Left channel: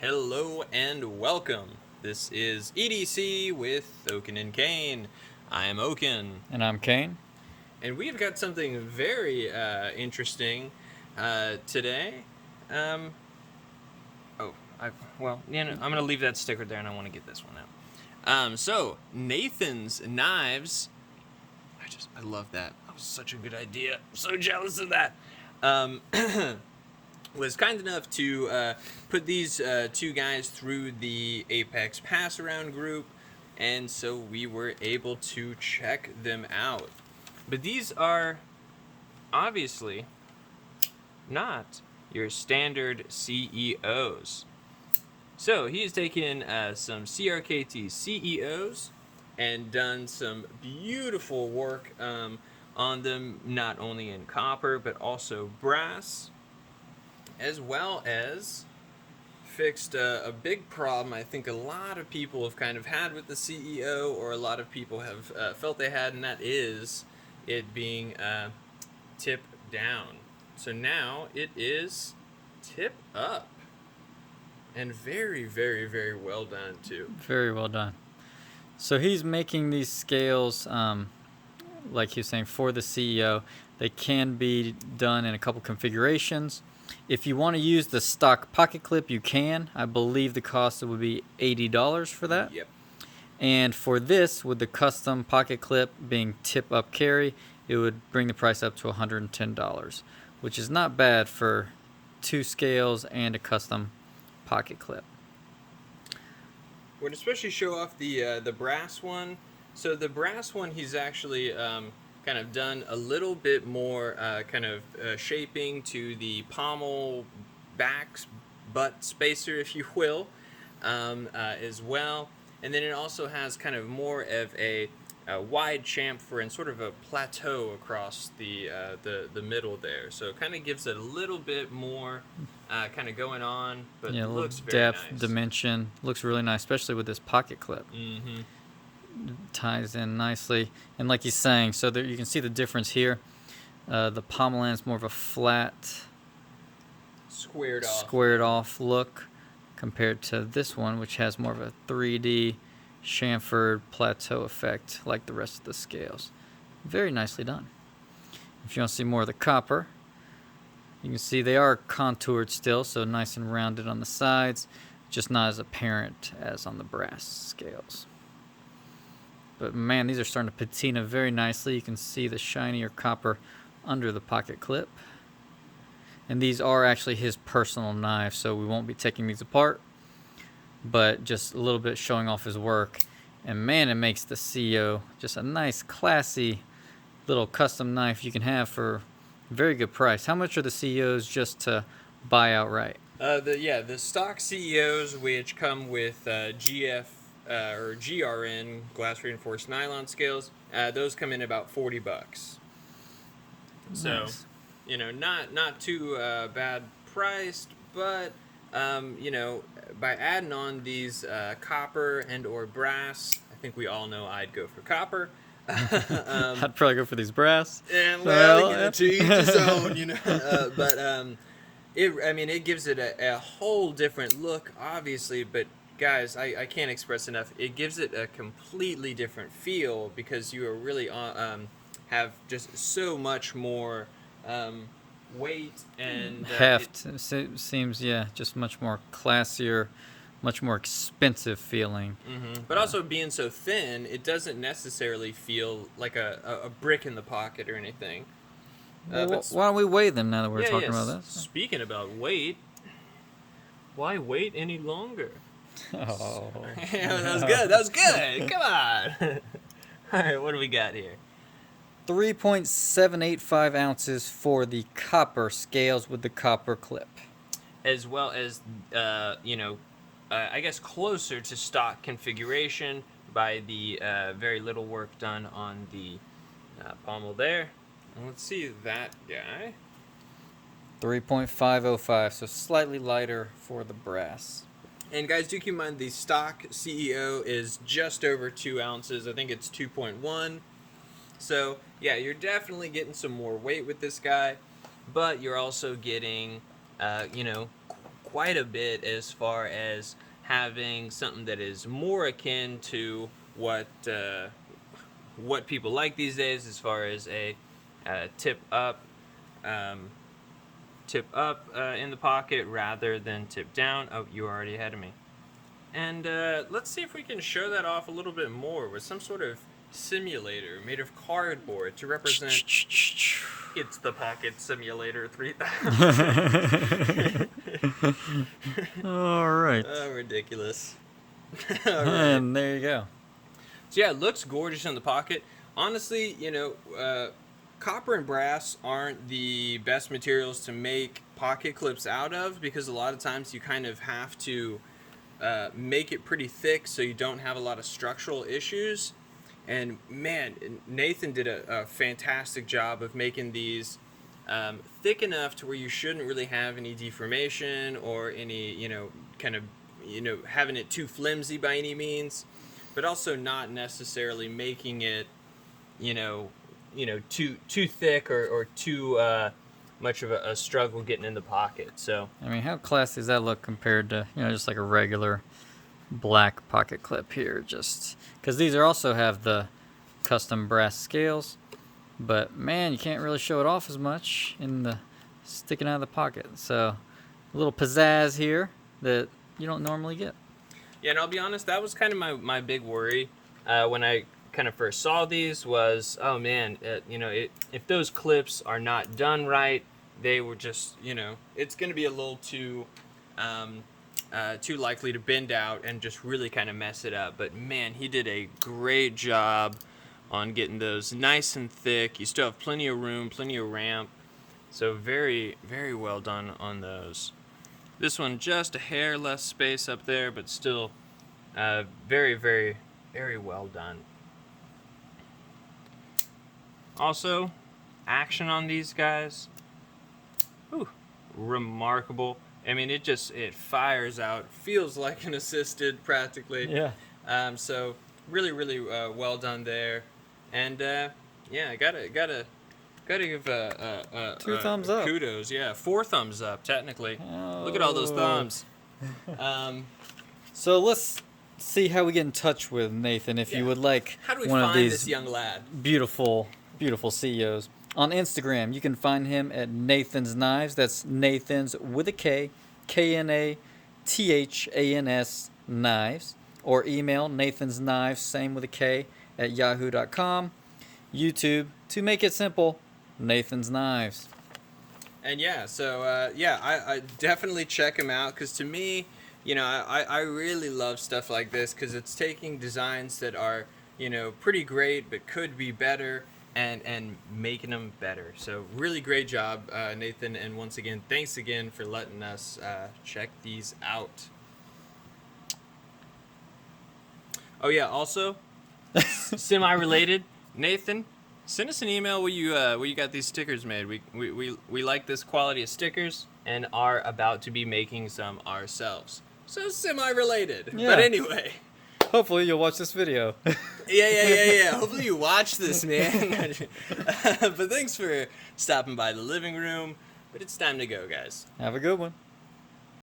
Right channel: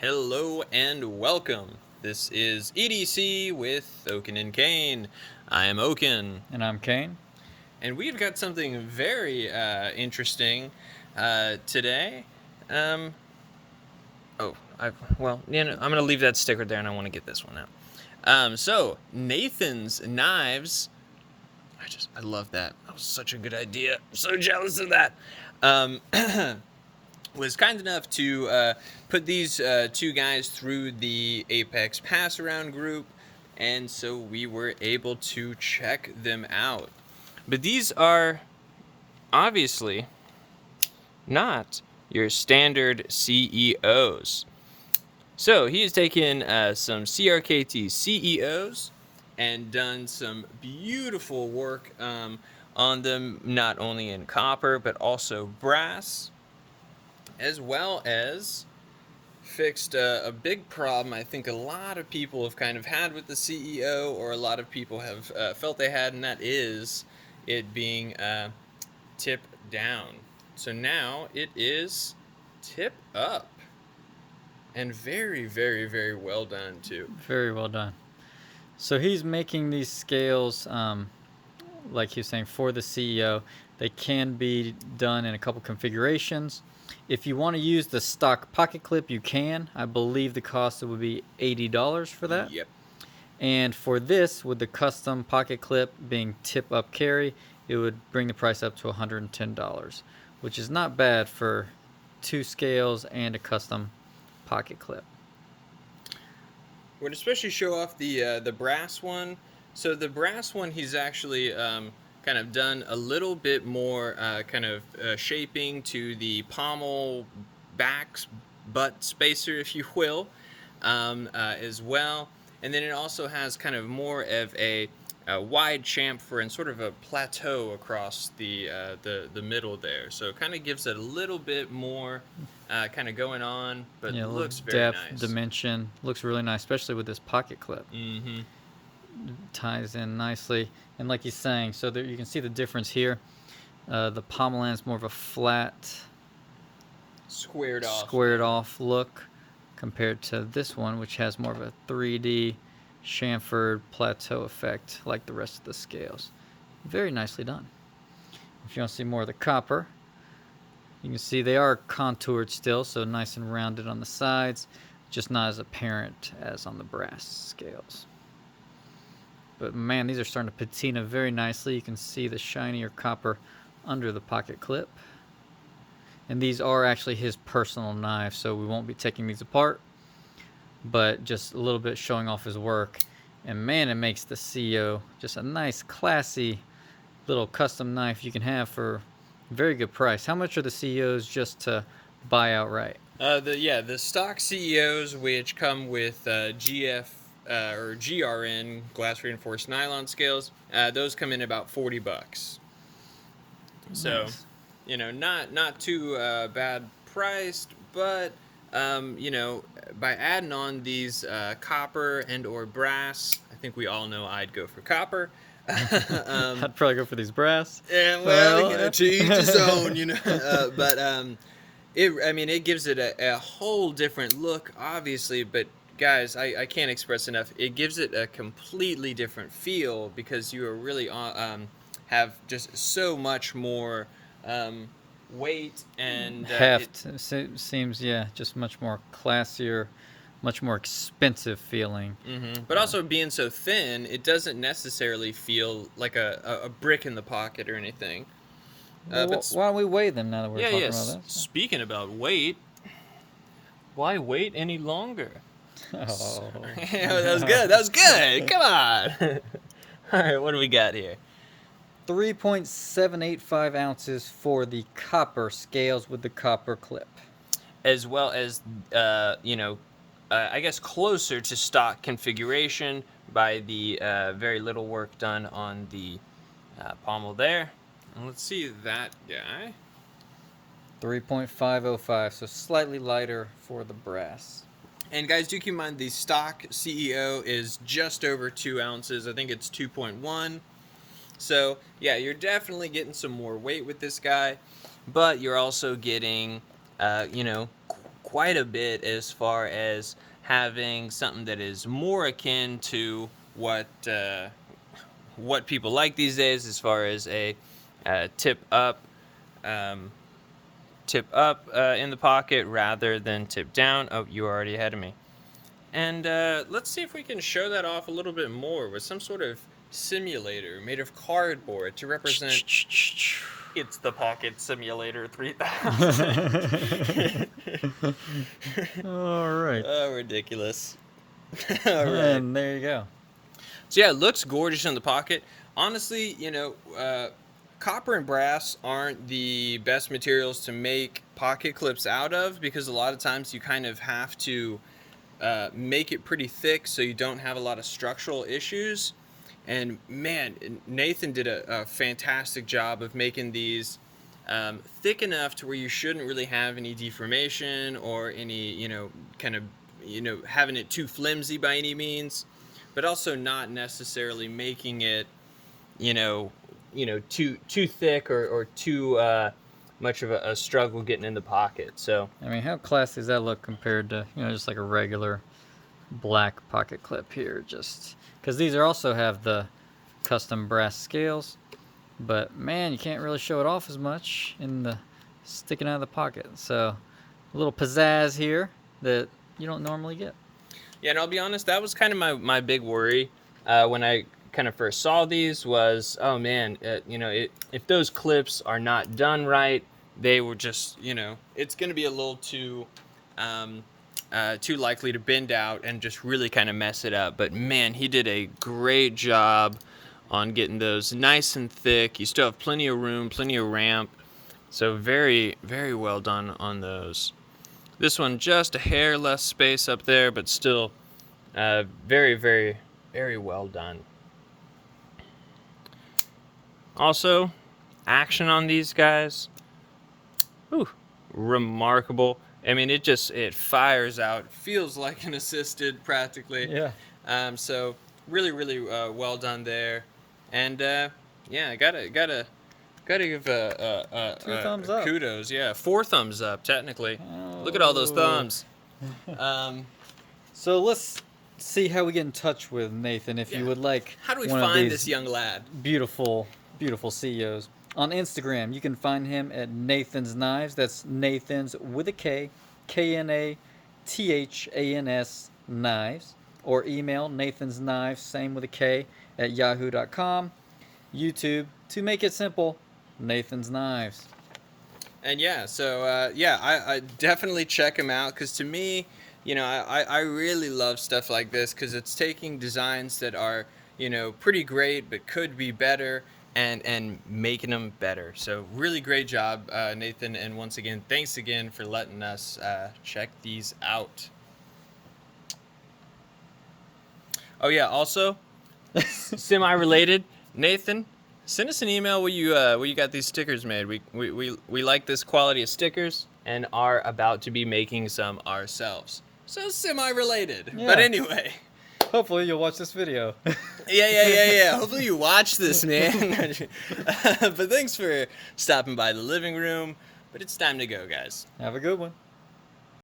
Hello and welcome. This is EDC with Oaken and Kane. I am Oaken. And I'm Kane. And we've got something very interesting today. Um, I'm going to leave that sticker there and I want to get this one out. So, Knathan's Knives. I love that. That was such a good idea. I'm so jealous of that. Was kind enough to put these two guys through the Apex Pass Around group, and so we were able to check them out. But these are obviously not your standard CEOs. So he's taken some CRKT CEOs and done some beautiful work on them, not only in copper but also brass, as well as fixed a big problem I think a lot of people have kind of had with the CEO, or a lot of people have felt they had, and that is it being tip down. So now it is tip up. And very, very, very well done, too. Very well done. So he's making these scales, like he was saying, for the CEO. They can be done in a couple configurations. If you want to use the stock pocket clip, you can. I believe the cost would be $80 for that. Yep. And for this, with the custom pocket clip being tip up carry, it would bring the price up to $110, which is not bad for two scales and a custom pocket clip. Would especially show off the brass one. So the brass one, he's actually kind of done a little bit more shaping to the pommel butt spacer, if you will, as well. And then it also has kind of more of a wide chamfer and sort of a plateau across the middle there. So it kind of gives it a little bit more kind of going on, but Yeah, a little looks very depth, nice. dimension. Looks really nice, especially with this pocket clip. Mm-hmm. Ties in nicely. And like he's saying, so there you can see the difference here. The pommel end's more of a flat, squared off look compared to this one, which has more of a 3D chamfered plateau effect like the rest of the scales. Very nicely done. If you want to see more of the copper, you can see they are contoured still, so nice and rounded on the sides, just not as apparent as on the brass scales. But man, these are starting to patina very nicely. You can see the shinier copper under the pocket clip. And these are actually his personal knives, so we won't be taking these apart, but just a little bit showing off his work. And man, it makes the CEO just a nice, classy little custom knife you can have for a very good price. How much are the CEOs just to buy outright? The stock CEOs, which come with GF or GRN glass reinforced nylon scales, those come in about $40. So, Nice. Not too bad priced, but by adding on these copper and or brass, I think we all know I'd go for copper. I'd probably go for these brass. And to each his own, it gives it a whole different look, obviously, but guys, I can't express enough. It gives it a completely different feel because you are really have just so much more weight and heft. It seems, just much more classier, much more expensive feeling. Mm-hmm. But also being so thin, it doesn't necessarily feel like a brick in the pocket or anything. Well, why don't we weigh them now that we're talking about this? Speaking about weight, why wait any longer? Oh. That was good. That was good. Come on. All right, what do we got here? 3.785 ounces for the copper scales with the copper clip. As well as, I guess closer to stock configuration by the very little work done on the pommel there. And let's see that guy. 3.505, so slightly lighter for the brass. And guys, do keep in mind the stock CEO is just over 2 ounces. I think it's 2.1. So, yeah, you're definitely getting some more weight with this guy, but you're also getting, quite a bit as far as having something that is more akin to what people like these days, as far as a tip up um, in the pocket rather than tip down. Oh, you were already ahead of me. And let's see if we can show that off a little bit more with some sort of simulator made of cardboard to represent. It's the Pocket Simulator 3000. All right. Oh, ridiculous. All right. And there you go. So yeah, it looks gorgeous in the pocket. Honestly, copper and brass aren't the best materials to make pocket clips out of, because a lot of times you kind of have to make it pretty thick so you don't have a lot of structural issues. And man, Knathan did a fantastic job of making these thick enough to where you shouldn't really have any deformation or any, having it too flimsy by any means, but also not necessarily making it, too thick or too much of a struggle getting in the pocket. So I mean, how classy does that look compared to, just like a regular black pocket clip here? Just because these also have the custom brass scales, but man, you can't really show it off as much in the sticking out of the pocket. So a little pizzazz here that you don't normally get. Yeah, and I'll be honest, that was kind of my big worry when I kind of first saw these was, oh man, if those clips are not done right, they were just, it's going to be a little too likely to bend out and just really kind of mess it up. But man, he did a great job on getting those nice and thick. You still have plenty of room, plenty of ramp. So very, very well done on those. This one, just a hair less space up there, but still very, very, very well done. Also, action on these guys, remarkable. I mean, it fires out, feels like an assisted practically. Yeah. So really, really well done there. And yeah, gotta give Two thumbs up. Kudos, yeah, 4 thumbs up technically. Look at all those thumbs. So let's see how we get in touch with Knathan. If you would like, how do we one find of these this young lad? beautiful CEOs on Instagram, you can find him at Knathan's Knives. That's Knathan's with a K, Knathans Knives, or email Knathan's Knives, same with a K, at yahoo.com. YouTube, to make it simple, Knathan's Knives. And yeah, so I definitely check him out, because to me, I really love stuff like this, because it's taking designs that are, pretty great but could be better, and making them better. So really great job, Knathan, and once again, thanks again for letting us check these out. Oh yeah, also, semi-related, Knathan, send us an email where you got these stickers made. We like this quality of stickers and are about to be making some ourselves. So semi-related. Yeah. But anyway. Hopefully you'll watch this video. Yeah. Hopefully you watch this, man. But thanks for stopping by the living room. But it's time to go, guys. Have a good one.